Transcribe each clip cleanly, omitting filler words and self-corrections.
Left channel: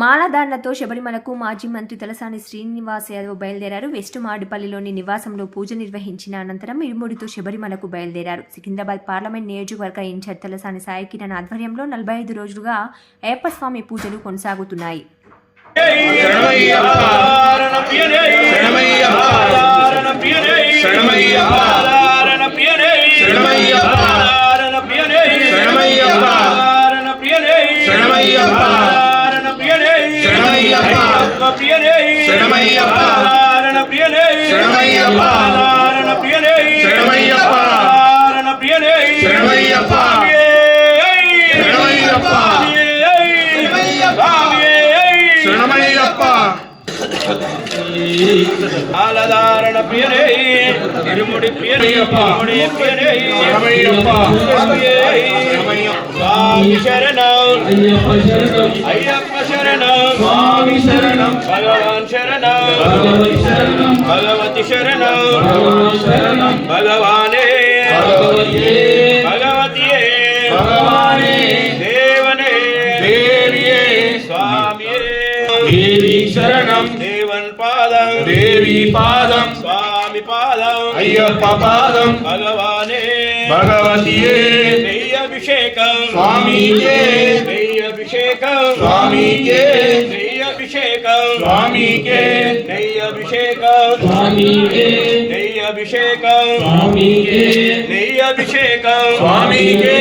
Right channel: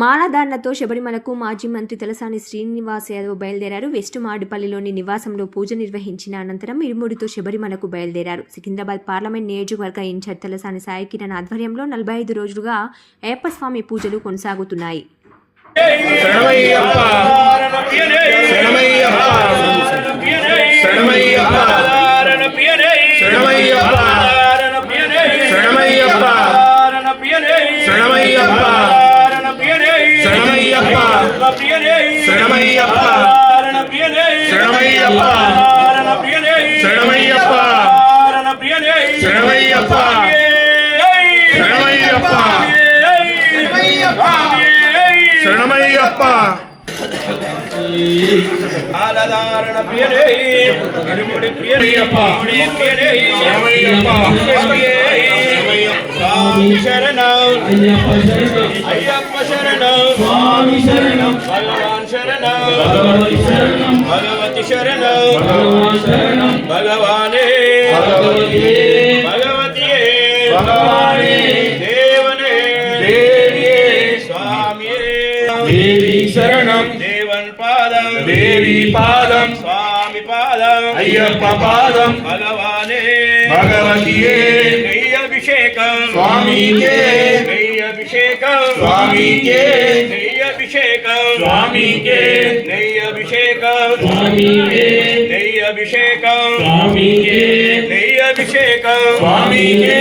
మాలధారణతో శబరిమలకు మాజీ మంత్రి తలసాని శ్రీనివాస్ యాదవ్ బయలుదేరారు. వెస్ట్ మాడిపల్లిలోని నివాసంలో పూజ నిర్వహించిన అనంతరం ఇరుముడితో శబరిమలకు బయలుదేరారు. సికింద్రాబాద్ పార్లమెంట్ నియోజకవర్గ ఇన్ఛార్జ్ తలసాని సాయి కిరణ్ ఆధ్వర్యంలో 45 రోజులుగా అయ్యప్ప స్వామి పూజలు కొనసాగుతున్నాయి. ఆలదారణ ప్రియరే ఇరుముడి ప్రియరయ్యప్ప స్వామి శరణం అయ్యప్ప శరణం స్వామి శరణం భగవాన్ శరణం భగవతి శరణం భగవానే భగవతియే దేవనే స్వామియే దేవి శరణం దేవన్ పాదం దేవి పాదం స్వామి పాదం అయ్యప్ప పాదం భగవానే భగవతియే నెయ్యభిషేకం స్వామికే నెయ్యభిషేకం స్వామికే నెయ్యభిషేకం స్వామికే నెయ్యభిషేకం స్వామికే నెయ్యభిషేకం స్వామికే నెయ్యభిషేకం స్వామికే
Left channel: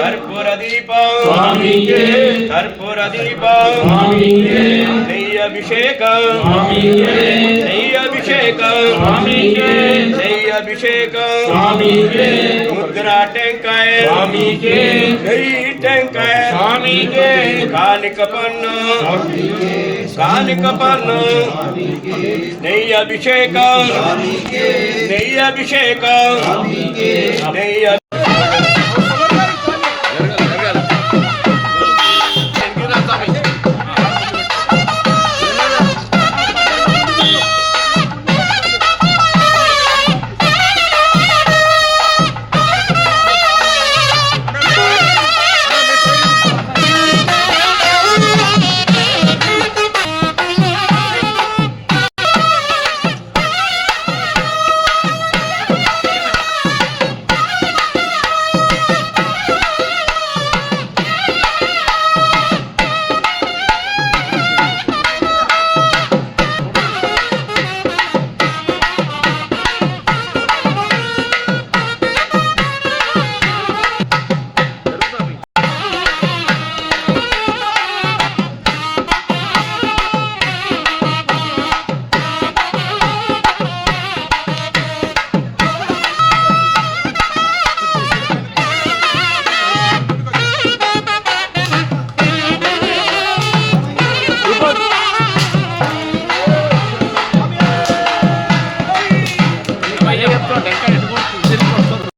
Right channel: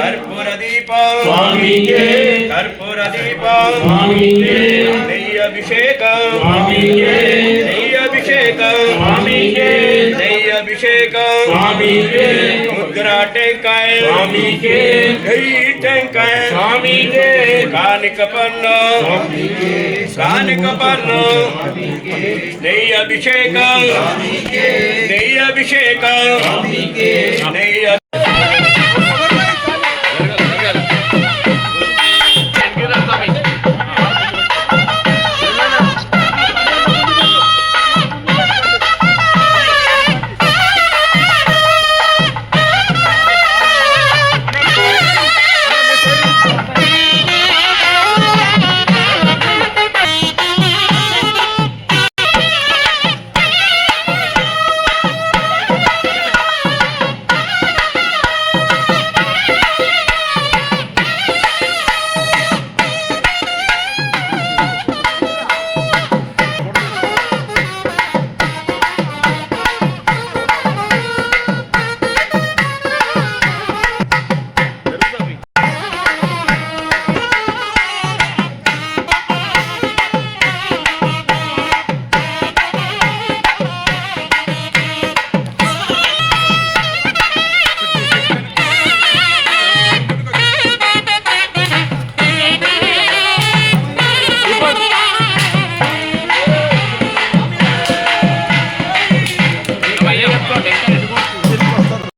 కర్పూర దీపం స్వామికే కర్పూర దీపం స్వామికే నెయ్యభిషేకం స్వామికే నెయ్యభిషేకం స్వామికే నెయ్యభిషేకం స్వామికే ముద్రా టెంకాయ స్వామికే నెయ్యి టెంకాయ స్వామికే కానిక పన్ను కానిక పన్ను నెయ్యభిషేకం నెయ్యభిషేకం నెయ్యభిషేకం